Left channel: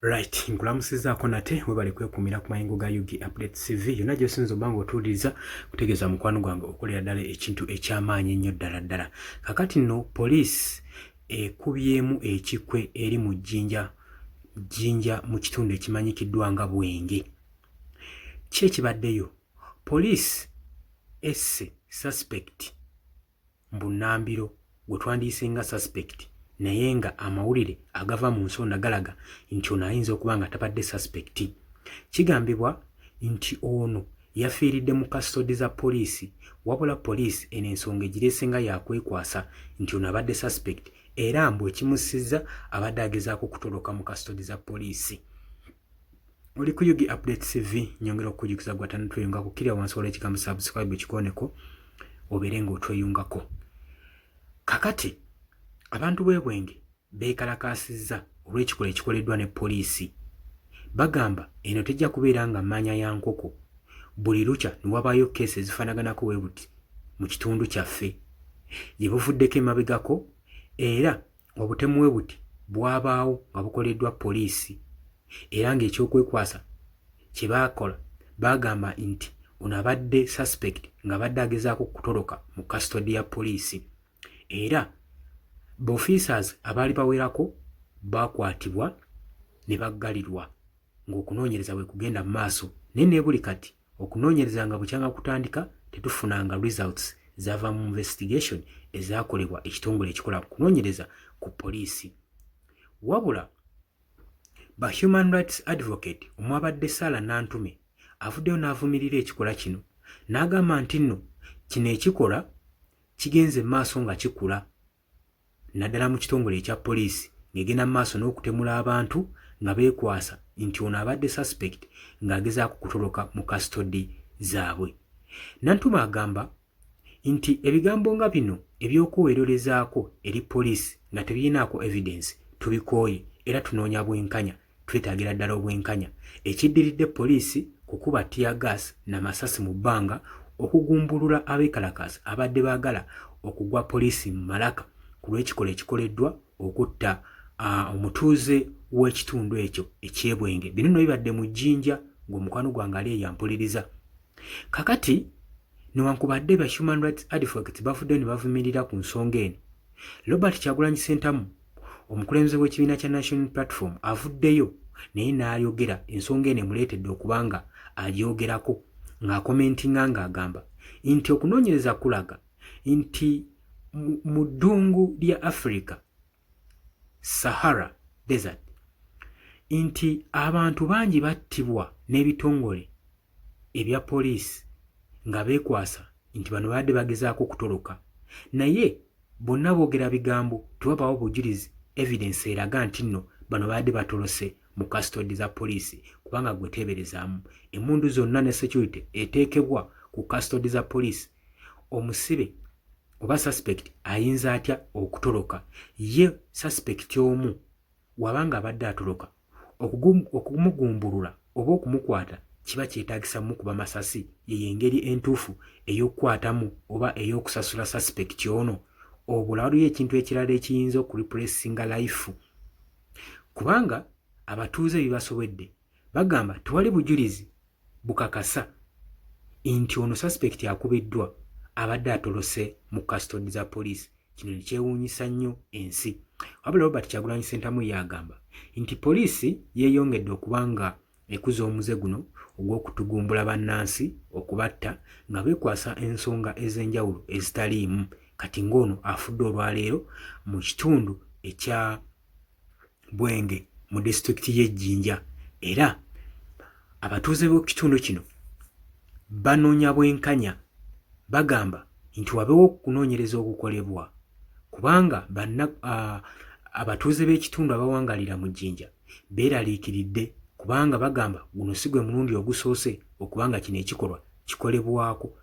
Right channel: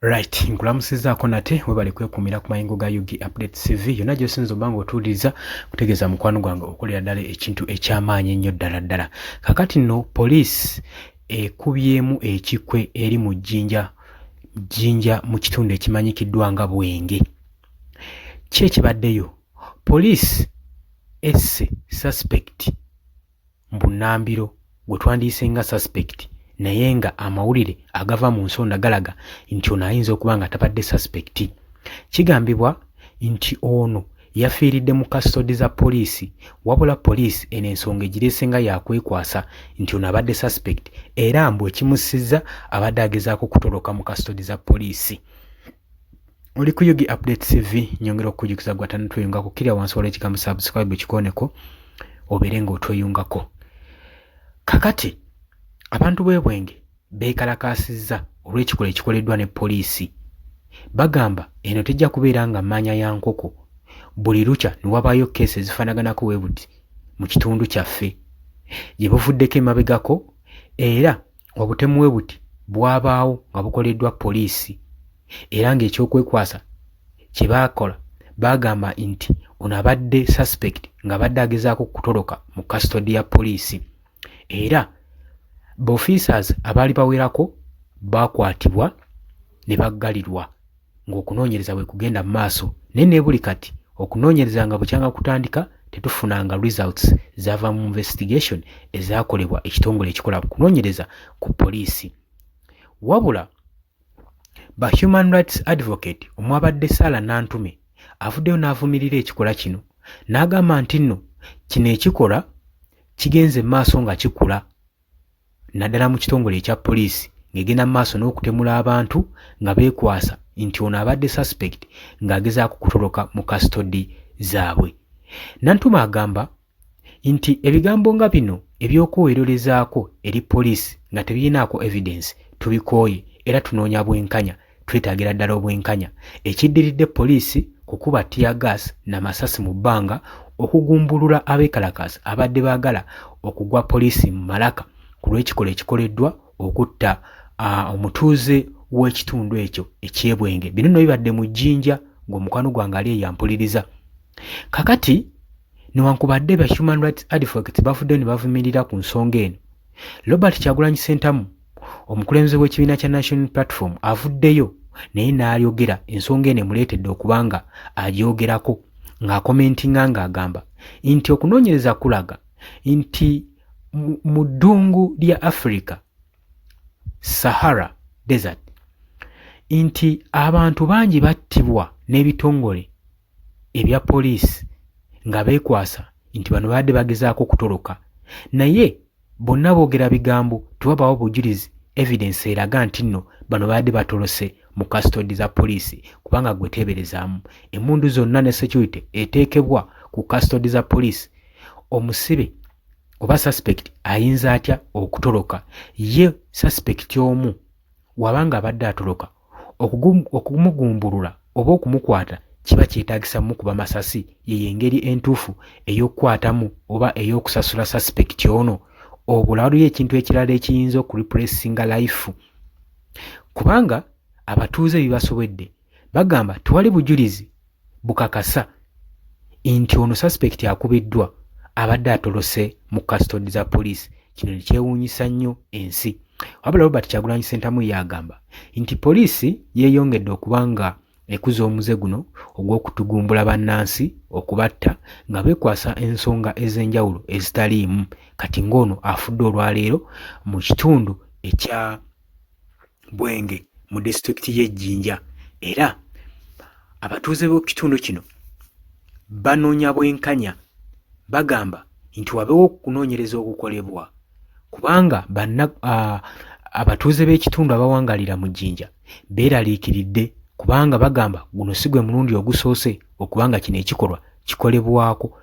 Right, nkulamusizaako nate webale kwekumira ku mayingo ga UG Update TV yonna gy'osinza obba ng'otuuliriza kutegeeza mukwano gwange okolera ddala ekintu eky'amaanyi ennyo ddala. Kakati nno poliisi ekubyemu ekikwe eri mu jjinja mu kitundu ekimanyikiddwa nga Bwenge. Ki ekibaddeyo? Poliisi esse suspect Mbunambiro gwe twandiyise nga suspect naye nga amawulire agava mu nsonda galaga nti ono ayinza okuba nga tabadde suspect. Kigambibwa nti ono yafiiridde mu kastodi za poliisi, wabula poliisi eno ensonga egireese nga yakwekwasa nti ono abadde suspect era mbu ekimusizza abadde agezaako kutoloka mu kastodi za poliisi. Oli ku UG Update TV, nyongera okukujukiza gwatana tweyungako kirya wansi wala ekigambo subscribe ekikoneko obeere ng'otweyungako. Kakati abantu b'e Bwenge beekalakaasizza olw'ekikolwa ekikoleddwa ne poliisi. Bagamba eno tejja kubeera nga mmanya ya nkoko, buli lukya ne wabaayo keesi ezifaanaganako bwe buti mu kitundu kyaffe gye buvuddeko emabegako era obutemu bwe buti bwabaawo nga bukoleddwa poliisi era ng'ekyokwekwasa kye baakola baagamba nti ono abadde suspect ng'abadde agezaako kutoloka mu kastodi ya poliisi era b'officers abaali bawerako baakwatibwa ne baggalirwa ng'okunoonyereza bwe kugenda mu maaso naye ne buli kati okunoonyereza nga bukyanga kutandika tetufunanga results zaava mu investigation ezaakolebwa ekitongole ekikola kunoonyereza ku poliisi. Wabula ba human rights advocate omwabadde Sarah Nantume avuddeyo n'avumirira ekikola kino n'agamba nti nno kino ekikola kigenze mu maaso nga kikula naddala mu kitongole ekya poliisi ng'egenda mu maaso n'okutemula abantu nga beekwasa nti ono abadde suspect ng'agezaako kutoloka mu kastodi zaabwe. Nantume agamba nti ebigambo nga bino eby'okweweerolezaako eri poliisi nga tebirinaako evidence tubikooye era tunoonya bwenkanya, twetaagira ddala obwenkanya. Ekiddiridde poliisi kukuba tear gas n'amasasi mu bbanga okugumbulula abeekalakaasa abadde baagala okugwa poliisi mu malaka ku lw'ekikolwa ekikoleddwa okutta omutuuze w'ekitundu ekyo eky'Ebwenge. Bino nno bibadde mu jjinja ng'omukwano gwange ali eyampuliriza. Kakati newankubadde ba human rights advocates bavuddeyo ne bavumirira ku nsonga eno, Robert Kyagulanyi Ssentamu omukulembeze w'ekibiina kya National Platform avuddeyo naye n'ayogera ensonga eno emuleetedde okuba nga agyogerako ng'akomentinga ng'agamba nti okunoonyereza kulaga nti mu ddungu lya Africa Sahara Desert nti abantu bangi battibwa n'ebitongole ebya poliisi nga beekwasa nti bano badde bagezaako kutoloka naye bonna boogera bigambo tewabaawo bujulizi evidence eraga nti nno bano badde batolose mu kastodi za poliisi kubanga gwe teeberezaamu emmundu zonna ne security eteekebwa ku kastodi za poliisi omusibe oba suspect ayinza atya okutoloka? Ye suspect omu wabanga abadde atoloka okumugumbulula oba okumukwata kiba kyetaagisa mukuba masasi ye engeri entuufu ey'okukwatamu oba ey'okusasula suspect ono obulaluyo ekintu ekirala ekiyinza okurepressinga life kubanga abatuuze bibasobedde bagamba tewali bujulizi bukakasa nti ono suspect akubiddwa abadde atolose mu kastodi za poliisi. Kino ne kyewuunyisa nnyo ensi. Wabula Robert Kyagulanyi Ssentamu yagamba nti poliisi yeeyongedde okuba nga ekuza omuze guno ogw'okutugumbula bannansi okubatta nga beekwasa ensonga ez'enjawulo ezitaliimu kati ng'ono afudde olwaleero mu kitundu ekya Bwenge mu disitulikiti y'Ejjinja era abatuuze b'ekitundu kino banoonya bwenkanya bagamba nti wabeewo okunoonyereza okukolebwa kubanga abatuuze b'ekitundu abawangalira mu Jjinja beeraliikiridde kubanga bagamba guno si gwe mulundi ogusoose okubanga kino ekikolwa kikolebwako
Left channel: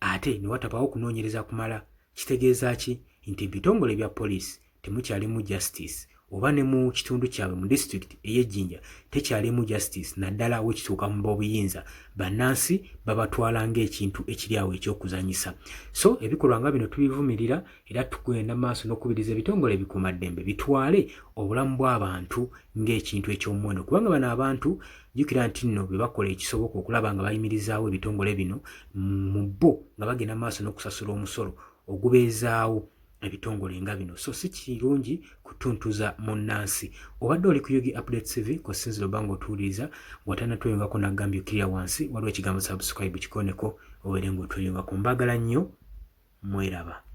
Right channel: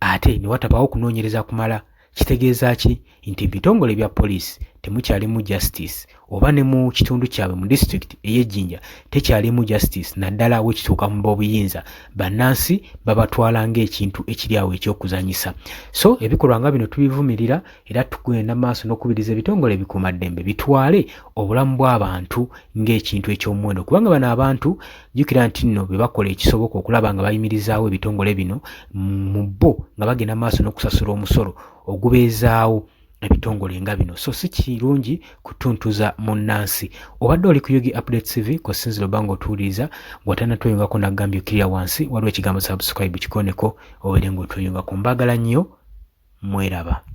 ate ne watabaawo okunoonyereza kumala. Kitegeeza ki? Nti ebitongole bya poliisi temukyalimu justice oba ne mu kitundu kyabwe mu district ey'Ejjinja tekyalimu justice naddala wekituuka mu b'obuyinza bannansi babatwala ng'ekintu ekiri awo ekyokuzanyisa. So ebikolwa nga bino tubivumirira era tugenda maaso n'okubiriza ebitongole ebikuumaddembe bitwale obulamu bw'abantu ng'ekintu eky'omuwendo, kubanga bano abantu jjukira nti nno be bakola ekisoboka okulaba nga bayimirizaawo ebitongole bino mu bo nga bagenda maaso n'okusasula omusolo ogubeezaawo ebitongole nga bino. So si kirungi kutuntuza munnansi. Obadde oli ku Yugi Update TV kosinzira oba ng'otuwuliriza ng'otannatweyungako naggambye okkirira wansi waliwo ekigambo subscribe kikoneko obeere ng'otweyungako. Mbaagala nnyo, mweraba.